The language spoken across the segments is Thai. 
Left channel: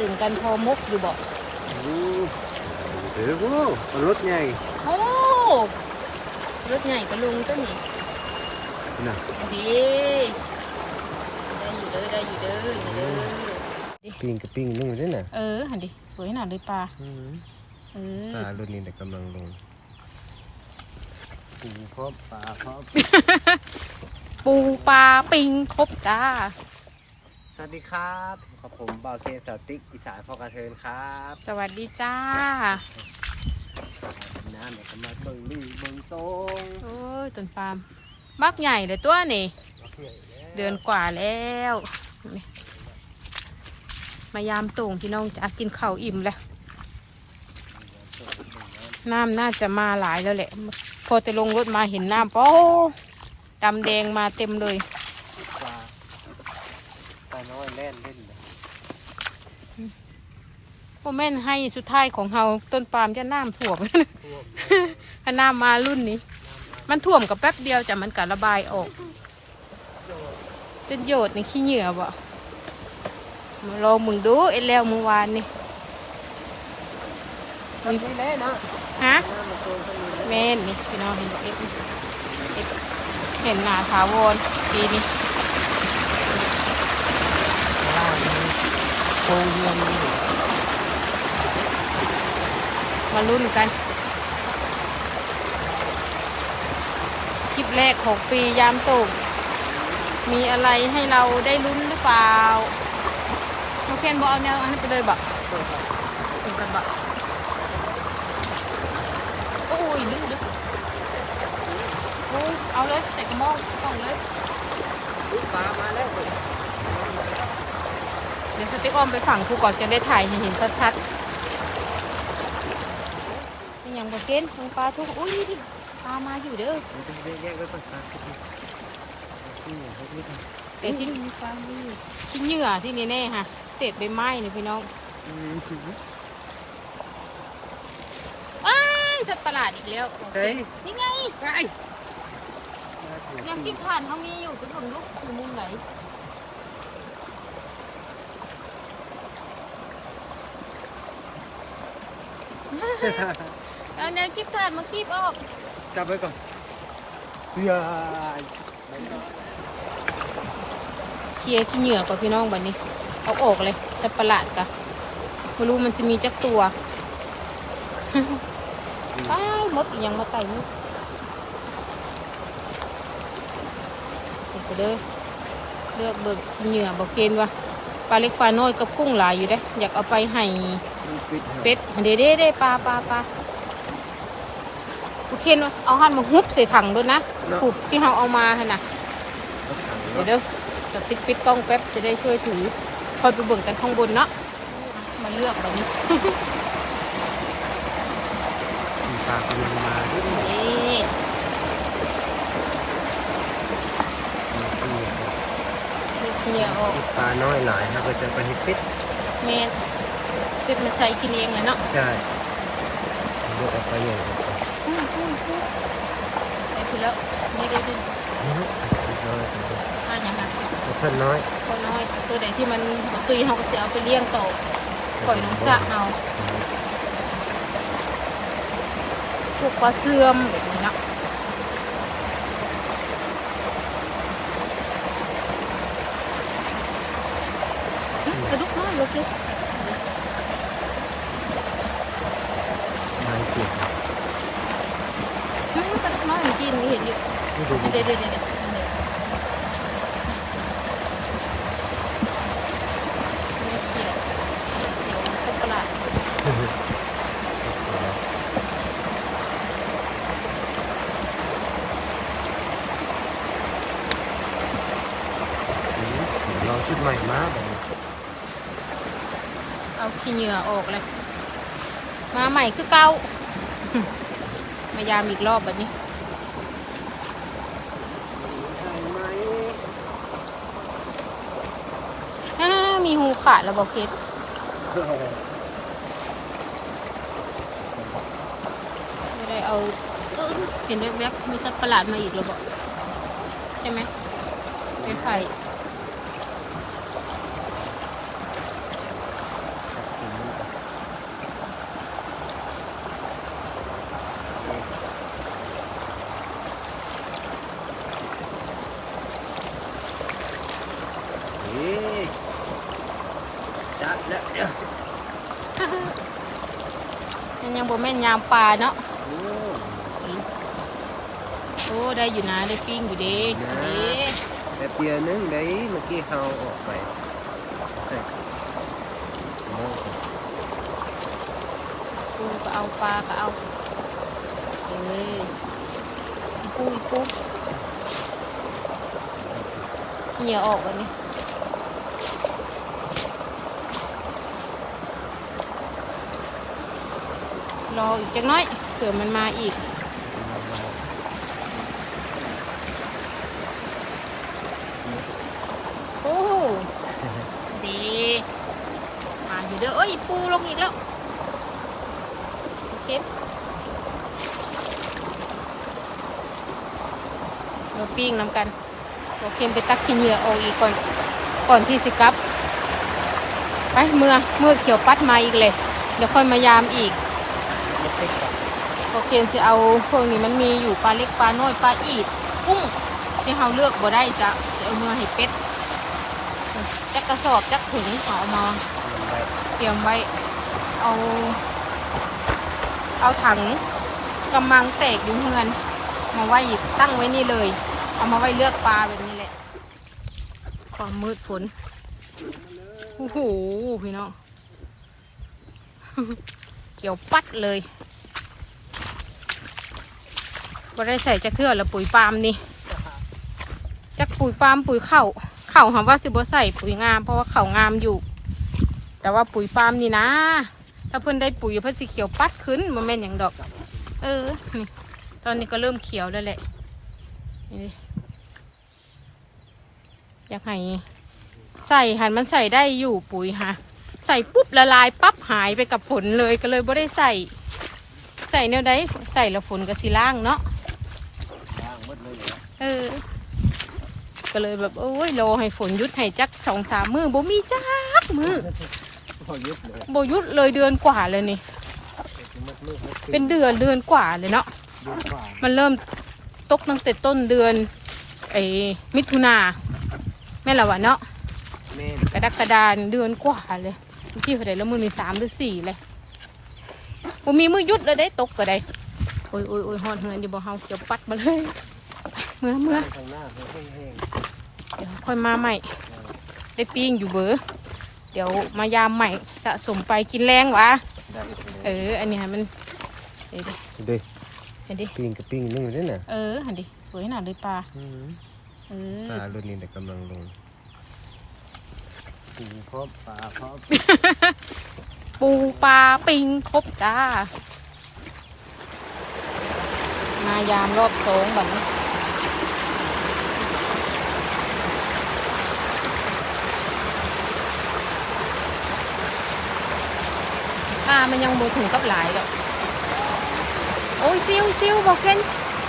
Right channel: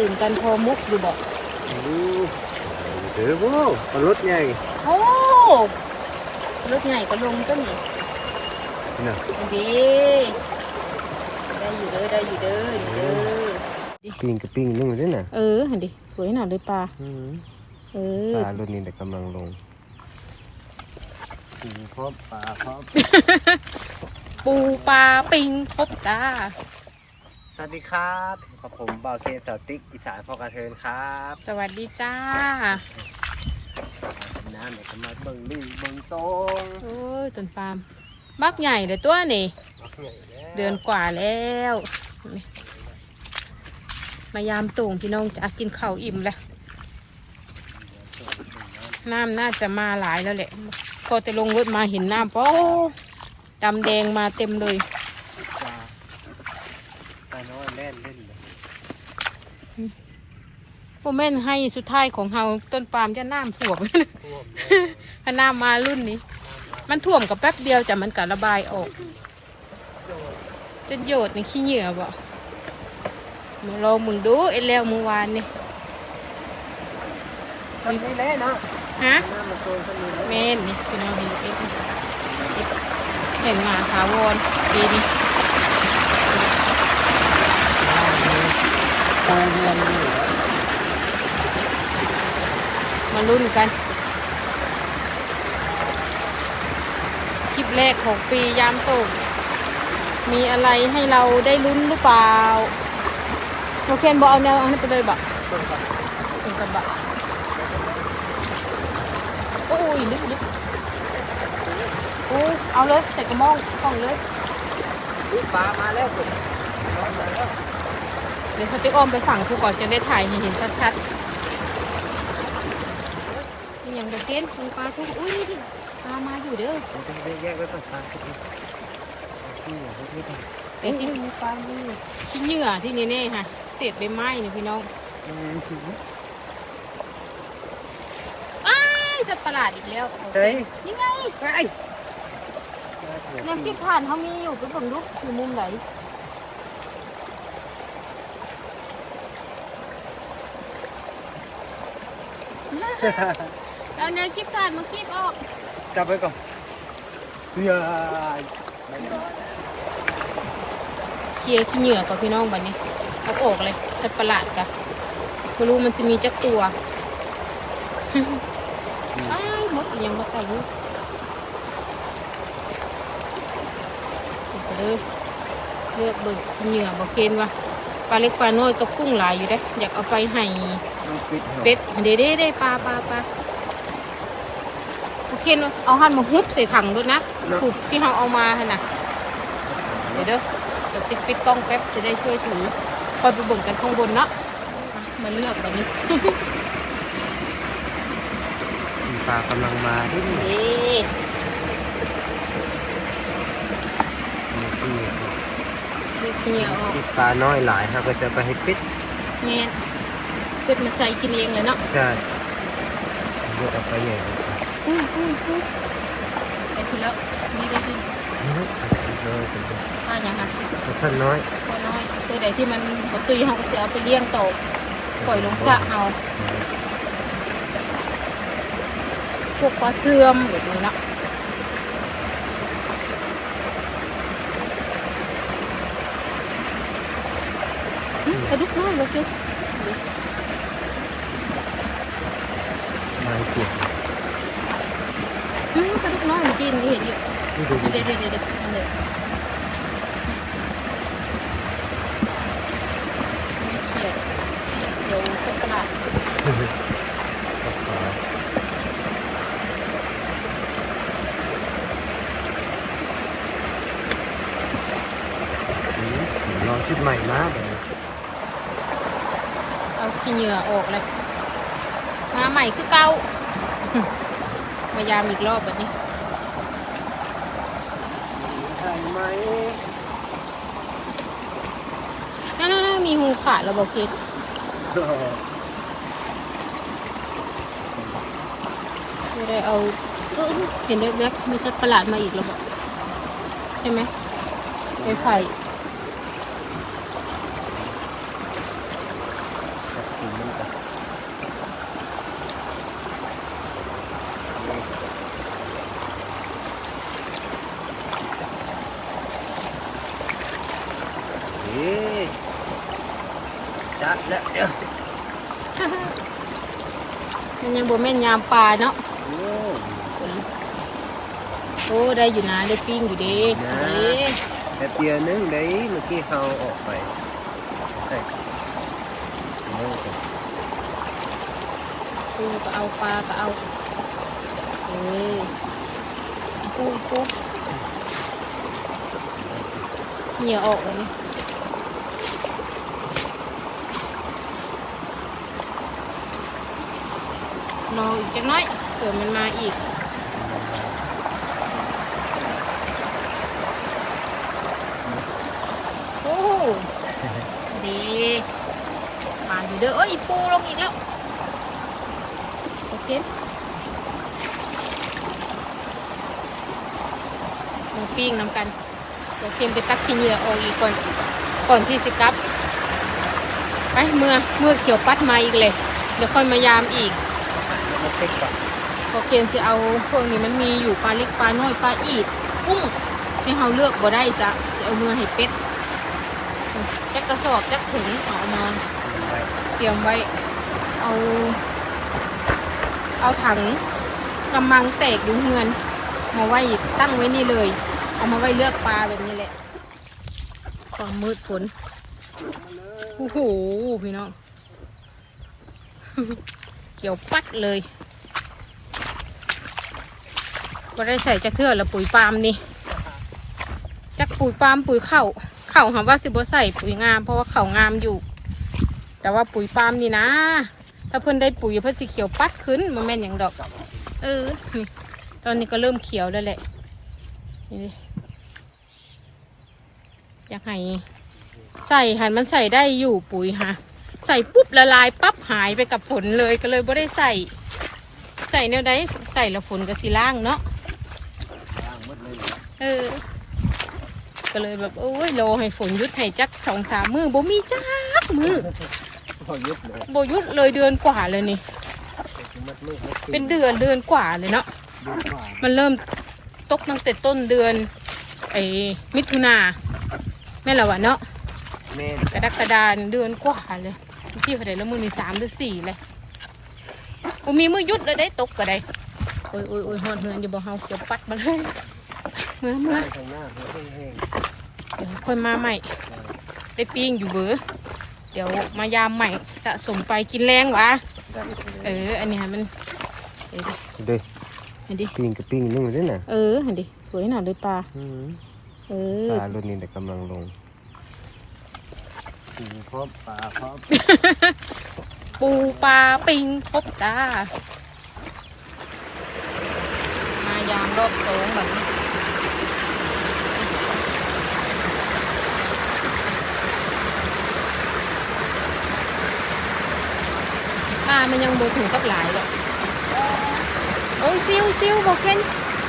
ตื่นกันพอมุกอยู่บอกโอ้เดี๋ยวโว้ปลารถไงโอ้รถใหญ่ก็ลงก็นี่นี่นะดีได้อยู่เด้อได้อยู่เด้อนี่เด้อปิ้งกับปิ้งนึ่งด้วยน่ะเอออันดีสวยหน่าเลยปลาอืมเอปลารถนี้แต่กำลังลงปูพร้อมปลาพร้อมปูปลาปิงพบจ้า วัสดีครับกับผมบ่าวเคสาวติ๊กอีสานพอกระเทินครับสวัสดีจ้าน้ำเดี๋ยวจะมาเบิ่งลี่เบิ่งตรงโอ้ยต้นปาล์มมักใหญ่เลยตัวนี่เดือนกว่าแล้วนี่มายามตุ่งพี่น้องจะกินข้าวอิ่มแล้วน้ำน่าจะมาหลายแล้วแหละพอจะลงรถมาเห็นน้ำป้อดำแดงมาเต็มเลยปลาปลา น้อยแล่นเล่นเลยโมแม่นให้สุดท้ายของเฮาต้นปาล์มจะน้ำท่วมท่วมแล้วถ้าน้ำมารุ่นนี้ มันท่วมกับแป๊บเดียวจะมันกัระบายออกจนโยดนี่ขี้เหงื่อบ่มาลองมึงดูไอ้แล้วเมื่อวานนี่มันไม่แล่นะฮะน้ำมันโตขึ้นนี่เลยแม่นนี่พี่น้องเห็นเอ็กเห็นหนาถาวรดีนี่ โตเรียนนี่มาลุ้นกัน คลิปแรกของปียามตุ่มมีอะไรให้เราได้ลุ้นหรือเปล่าโอเคนบอเอาแนวอันนั้นไปเลยบะต้นก่อนถึงกันบะโอ้ยลึกลึกโอ้เอาเลย ใส่กระมองห้องเลยอุ๊ยปลามาแล้วคุณร้อนมาแล้วเดี๋ยวสติ๊กออมไปฝั่งครูก่อนจะได้ถ่ายให้เห็นชัดๆนี่ยังบะเกนทางปลาทุกอุ้ยนี่ดิปลามาอยู่เด้อเราต้องแยกไว้ก่อนปลาสักทีนี่อย่าให้ไม่ได้เดี๋ยวที่มีปลามีที่เหยื่อที่นี่แน่ค่ะ เศษใบไม้เนี่ยพี่น้องอืมถึงอ้ายจะตลาดอีกแล้วโอเคเฮ้ยนี่ไงไปน่าเกลียดเรื่องที่ผ่านเขามีอยู่ไปเบิ่งดูอยู่มุมไหน เอาแนวคลิปผ่านมาคลิปออก จับไว้ก่อนเฮ้ยเคลียร์ขี้เหงื่อก่อนพี่น้องบัดนี้ เอาออกเลยจะประหลาดกะไม่รู้มันจะมีจักตัวอ้าวมดเอียงมาไต่นี่เด็ดไปเลยเลือกเบิกขี้เหงื่อบอกเกณฑ์วะ ปลาเล็กปลาน้อยกับกุ้งหลายอยู่ได้ออยากเอาไปให้มันปิดเป็ดเด้เด้เด้ปลาปลาปลาโอเควะเอาหันมาฮุบใส่ถังด้วยนะหุบที่เราเอามาหั่นน่ะเดี๋ยวเด้อจะปิดปิดกล้องแป๊บจะได้ช่วยถือคอยไปเบิ่งกันข้างบนเนาะมาเลือกแบบนี้ปลากำลังมานี่ เลือกเหนียวออกปลาน้อยหลายครับก็จะไปให้ปิดเมนเป็ดมาใส่กินเองเลยเนาะใช่เลือกเอาไปใหญ่กว่าอุ้ยอุ้ยอุ้ยไปคือแล้วนี่ได้ดิน้อยเป็นอ่านยังค่ะท่านน้อยพอน้อยตัวไหนที่มันบ่ตุยเขาก็จะเอาไปเลี้ยงโตอปล่อยลงสระเอาพวกปลาเสื่อมแบบนี้เนาะ กระดุกน้อยเลยสิไม้เสียบหึกระดุกน้อยเมื่อกี้นี่เห็นอยู่นี่ดูอันเดี๋ยวเดี๋ยวเดี๋ยวอันเดี๋ยวไม่เสียดเสียวสักประหลาดกระเป๋าลองชุดใหม่มาแบบนี้เอา ขี้เหงื่อออกเลยมาใหม่คือเก่าพยายามอีกรอบแบบนี้ใช่ไหมอ่ามีหูขาดแล้วบอกเคสไม่ได้เอาเออเห็นแวบมีสัตว์ประหลาดมาอีกแล้วบอกใช่ไหมไปไผ่ ก ถุงมันก่อนเฮ้ย จัดแล้วเดี๋ยวมันยังบ่แม่นยามปลาเนาะโอ้โอ้ได้อยู่นะได้ปิ้งอยู่เดีเด้แต่เปียนึงได้เมื่อกี้เราออกไปใส่โม่ก่อนปูก็เอาปลาก็เอาเออปูปูเหนียวออกแบบนี้ รออีกจักหน้อยเผื่อมันมาอีกโอ้โหดีมาอยู่เด้อเอ้ยปูลงอีกแล้วโอเคมาปิ้งน้ำกันโอเคไปตักขี้เหงื่อออกอีกก่อนก่อนที่สิกลับไปเมื่อเมื่อเขียวปัดมาอีกเลย เดี๋ยวค่อยมายามอีก หายแล้วติ๊กก่อนโอเคจะเอาพวกนี้มันมีอยู่ปลาเล็กปลาน้อยปลาอีดกุ้งที่เราเลือกบ่ได้จะจะเอาเมื่อให้เป็ดจักกระสอบจักถุงเอามาเตรียมไว้เอา เอาถังกำมังแตกอยู่เฮือนมาไว้ตั้งไว้นี่เลย เอามาไว้เลือกปลาแบบนี้แหละ ความมืดฝนโอ้โหพี่น้องเขียวปัดเลย็ได้ใส่จักเทือละปุ๋ยปาล์มนี่จักปุ๋ยปาล์มปุ๋ยเข่าเข่าหอมว่าสิบ่ใส่ปุ๋ยงามเพราะว่าเข่างามอยู่ แต่ว่าปุ๋ยปาล์มนี่นะ ถ้าเพิ่นได้ปุ๋ยเพิ่นสิเขียวปัดขึ้นมันแม่นอย่างดอก เออนี่ตอนนี้ก็เริ่มเขียวแล้วแหละนี่อยากให้ใส่หันมันใส่ได้อยู่ปุ๋ยฮะใส่ปุ๊บละลายปั๊บหายไปกับฝนเลยก็เลยไม่ได้ใส่ ใส่แนวใดใส่แล้วฝนก็สิล่างเนาะ มดเลยเหรอเออ ก็เลยแบบโอ้ยรอให้ฝนหยุดให้จักสองสามมือบ่มีจักมือพอยุบเลยบ่หยุดเลยเดือนกว่าเลยนี่มัดมือมัดตีเป็นเดือนเดือนกว่าเลยเนาะดูกว่ามันเริ่มตกตั้งแต่ต้นเดือนไอ้มิถุนาแม่นละวะเนาะแม่นกระดักกระดานเดือนกว่าเลยที่เท่าไหร่แล้วมือมีสามหรือสี่เลยผมมีมือหยุดแล้วได้ตกก็ได้โอ้ยโอ้ยโอ้ยหอดเหือนอยู่บ่เฮาเกี่ยวปัดมาเลย เมื่อเมื่อข้างหน้าแห้งเดี๋ยวค่อยมาใหม่ ได้ปิ้งอยู่เบอเดี๋ยวมายามใหม่สะสมไปกินแรงวะๆได้เออ อันนี้ฮะมันเดี๋ยวดิดูเห็นดิ ปิ้งกับปิ้งนึ่งเลยน่ะเออเห็นดิ สวยหน่าเลยปลาเออ ปลารุ่นนี้แต่กำลังลงปูพร้อมปลาพร้อมปูปลาปิงครบจ้ามายามรอบสองแบบนี้ ปลามันยังโบถึงกับหลายหรอกโอ้ยซิวซิวบอกเคน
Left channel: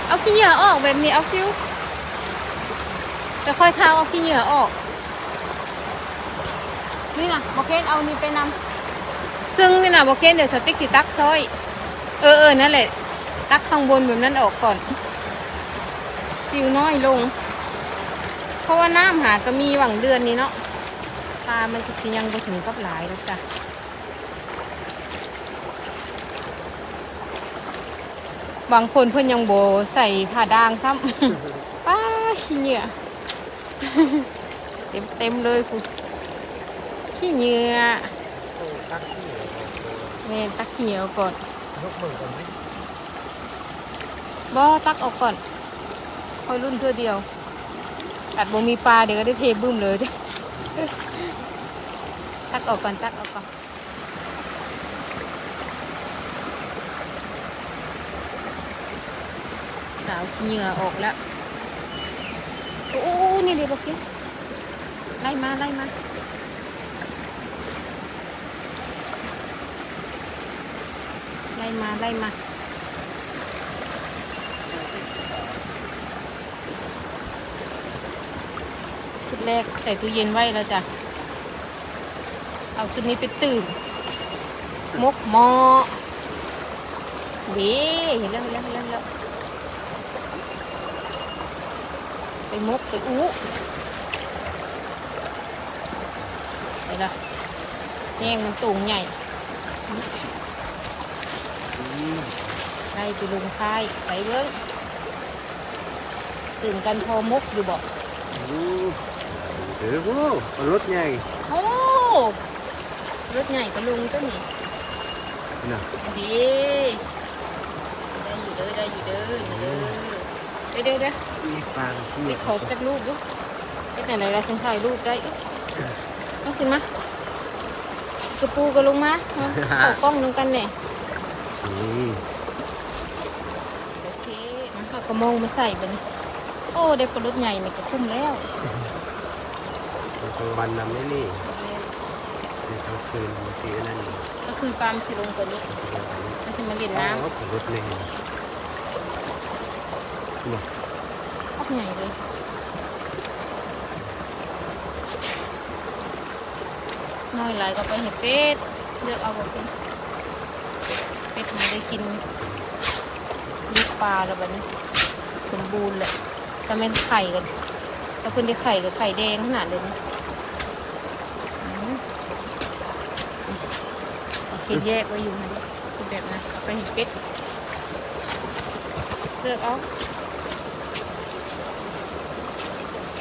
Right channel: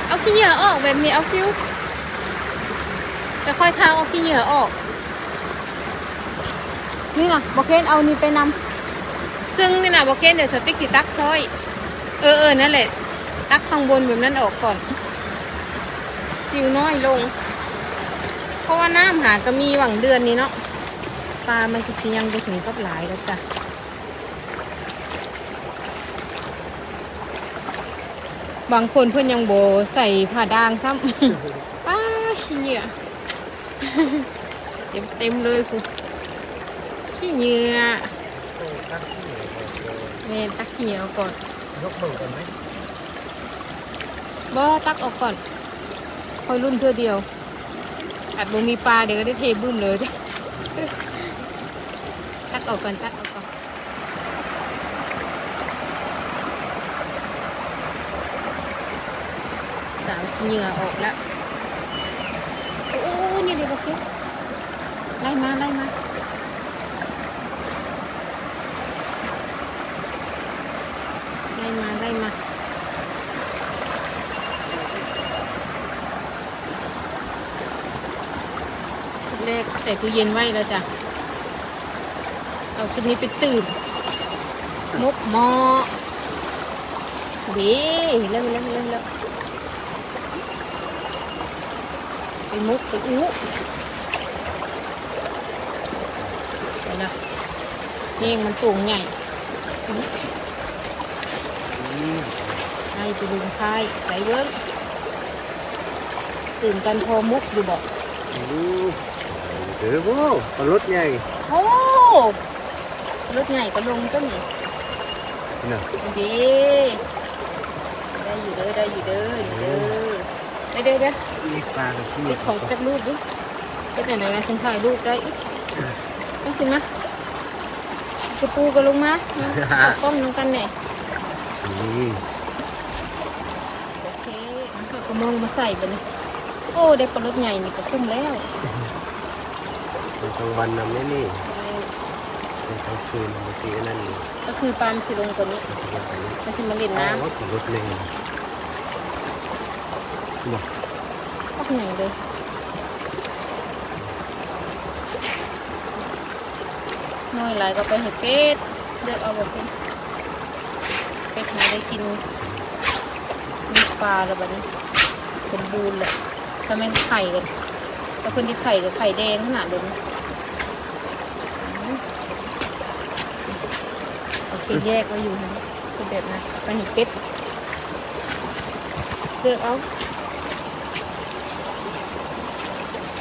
เอาขี้เหยื่อออกแบบนี้เอาซิวจะค่อยข้าวเอาขี้เหยื่อออก นี่นะบอกเคนเอานี่ไปนำซึ่งนี่นะบอกเคนเดี๋ยวสติ๊กสิตักซอย เออเออนั่นแหละ ตักข้างบนแบบนั้นออกก่อนสิวน้อยลง เพราะว่าน้ำหาก็มีหวังเดือนนี้เนาะปลามันก็สิยังไปถึงกับหลายแล้วจ้ะ บางคนเพื่อนยังโบใส่ผ้าดางซ้ำ ป้าขี้เหงื่อเต็มเต็มๆเลยคุณขี้เหงื่อเนี่ยตักขี้เหงื่อก่อนยกมือก่อนไหมบ่ตักออกก่อนค่อยรุ่นเพื่อเดียวตัดบ่มีปลาเดี๋ยวก็ได้เทบึ้มเลยจ้ะตักออกก่อนตักออกก่อนสาวขี้ เหงื่อออกแล้วโอ้โอ้นี่เดี๋ยวบอกเกไล่มาไล่มาไล่มาไล่มาชุดแรกใส่ตู้เย็นไว้แล้วจ้ะ เอาชุดนี้ไปตื่นมกหมอดีเห็นแล้วเห็นแล้วเห็นแล้วเห็นแล้ว ไปมุกไปอู้ไปละเน่งมันตูงใหญ่อืมไล่ไปลุงท้ายใส่เบิ้งตื่นกันพอมกอยู่บอกอืมเออโว้ปลารถใหญ่โอ้รถใหญ่ก็ลงก็นี่น่ะดีได้อยู่เด้อได้อยู่เด้อนี่เด้อ เด้อเด้อเด้อมีปลากระเทียติมดของจากรูปดูเอ็ดไหนไหนนะฉันถ่ายรูปได้อึ๊บต้องขึ้นมากระปูก็ลงมาเอากล้องลงกันเนี่ยนี่โอเคเอากระมองมาใส่ไปนี่โอ้ได้ปลารถใหญ่นี่ก็คุ้มแล้วในกลางวันนำนี่นี่ในกลางคืนบางทีอันนั้นนี่ก็คือปลามนสิลงกว่านี้บางทีแบบนี้มันจะมาเล่นอ๋อน้ำปลารถแน่บ อกออกใหญ่เลยน้อยหลายก็ไปเห็ดเป็ดเลือกเอาบอกเป็นเป็ดมาได้กินมีปลาแล้วบัดนี้ สมบูรณ์เลยถ้าแม่นไข่กันถ้าเพิ่นได้ไข่กับไข่แดงขนาดเลยนะอืมโอเคแยกไว้อยู่นะคือแบบนะไปเห็ดเป็ดเลือกเอา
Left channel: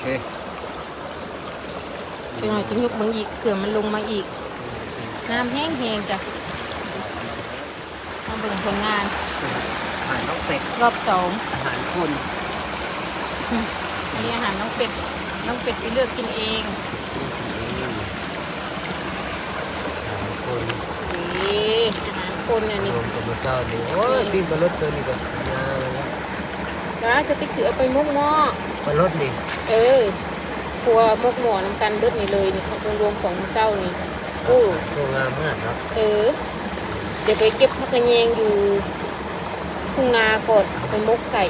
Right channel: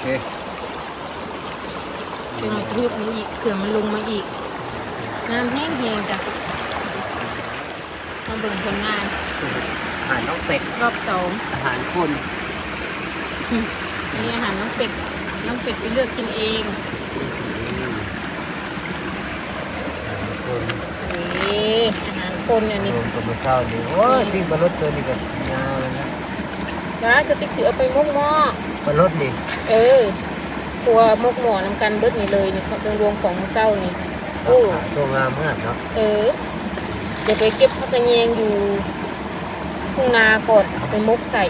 เอ๊ะเดี๋ยวมันจะยุบมึงอีกเผื่อมันลงมาอีก น้ำแห้งแห้งจ้ะมาเบิ่งผลงาน อาหารน้องเป็ด รอบสองอาหารคนอันนี้อาหารน้องเป็ด น้องเป็ดไปเลือกกินเองอืมอาหารคนนี่อาหารคนอันนี้รวมกับมะเช้านี่โอ้ยที่ปลารถตัวนี้ก็งามเลยนะนะสติ๊กสือเอาไปมุกหม้อ ปลารถนี่ เออครัวมุกหม้อนำกันเบิดนี่เลยนี่เขารวมๆของมื้อเช้านี่โอ้ตัวงามมากเนาะเออ เดี๋ยวไปเก็บผักกระเยงอยู่ทุ่งนาก่อนไปมุกใส่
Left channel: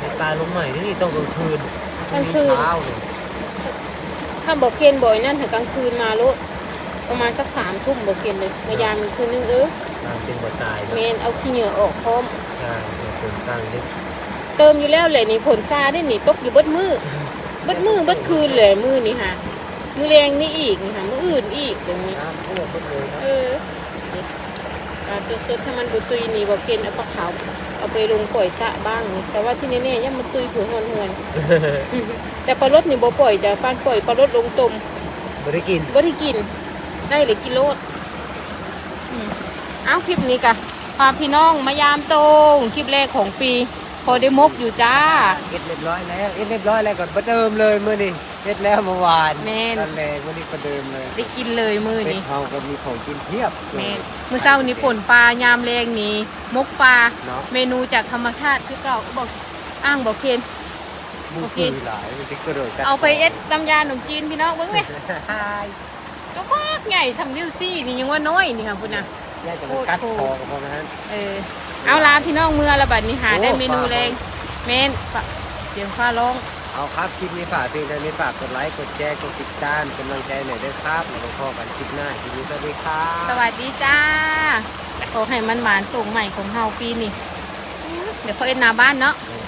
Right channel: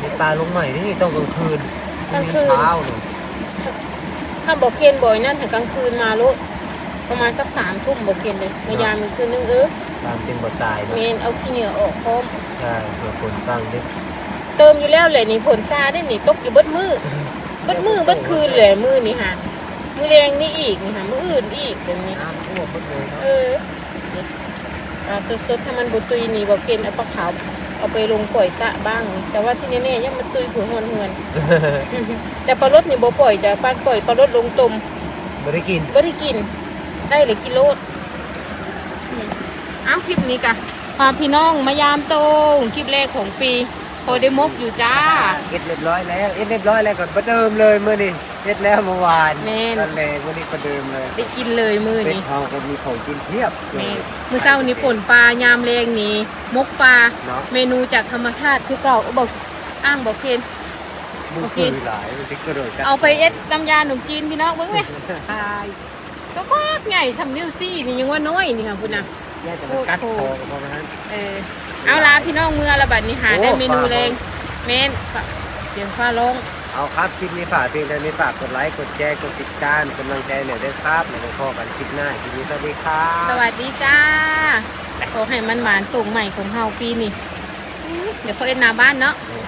มีปลาลงใหม่ที่นี่ต้องกลางคืนกลางคืนเช้าเนอะถ้าบอกเพียนบ่อยนั่นถึงกลางคืนมาลุประมาณสักสามทุ่มบอกเพียนเลยมายามอีกคืนนึงเออตามจริงบ่ตายเมเนาะนเอาขี้เหงื่อออกพร้อมใช่เพื่อคนตั้งดิ เติมอยู่แล้วเลยนี่ผลซาได้นี่ตกอยู่เบิดมือเบิดมือเบิดคืนเลยมือนี่ฮะมือแรงนี่อีกนี่ฮะมืออื่นอีกแบบนี้น้ำท่วมหมดเลยครับเออนี่อ่าสดๆถ้ามันบุตุยนี่บอกเกณฑ์เอาปลาขาวเอาไปลงปล่อยสระบ้างนี่แต่ว่าที่นี่เนี่ยยังมันตุยผัวหอนหวนๆอือฮึแต่ปลารสนี่บ่ปล่อยจะปลาปล่อยปลารสลงตมไม่ได้กินบ่ได้กิน ได้เลยกิโลอืมเอาคลิปนี้กะพาพี่น้องมายามโตงคลิปแรกของปี พอได้มกอยู่จ้า เอ็ดเรียบร้อยแล้ว เอ็ดเรียบร้อยแล้วก่อนประเดิมเลยเมื่อนี้เอ็ดแล้วเมื่อวานแม่นนั่นแหละวันนี้ประเดิมเลยได้กินเลยมือเป็ดนี้เฮาก็มีของกินเพียบแม่มือเช้านี้ฝนปลายามแรงนี้มกปลาเนาะ เมนูจากธรรมชาติคือเก่าบอกอ้างบอกเคนมึงโอเคคือหลายมันจะกระโดดกันเอาไปเอ็ดน้ำยาขนมจีนพี่น้องเบิ้งไหมตัวกอกใหญ่สำนิ้วซี่นี่ยังว่าน้อยนี่ค่ะคุณนะ เนี่ยแต่มันกัดคอกันเพราะนั้นเออเอาละพี่น้องเมื่อละบัดนี้หาได้โอ้เมนูฝากแรงแม่นฝากเสียงฟ้าร้องเอาครับคลิปนี้ฝากเพียงเท่านี้ฝากกดไลค์กดแชร์กดติดตามกำลังใจหน่อยด้วยครับแล้วก็พอกันคลิปหน้าคลิปนี้สวัสดีครับสวัสดีจ้าขอให้มันหวานส่งใหม่ของเฮาปีนี้อื้อเดี๋ยวเขาเอ็ดหนาบ้านเนาะเออ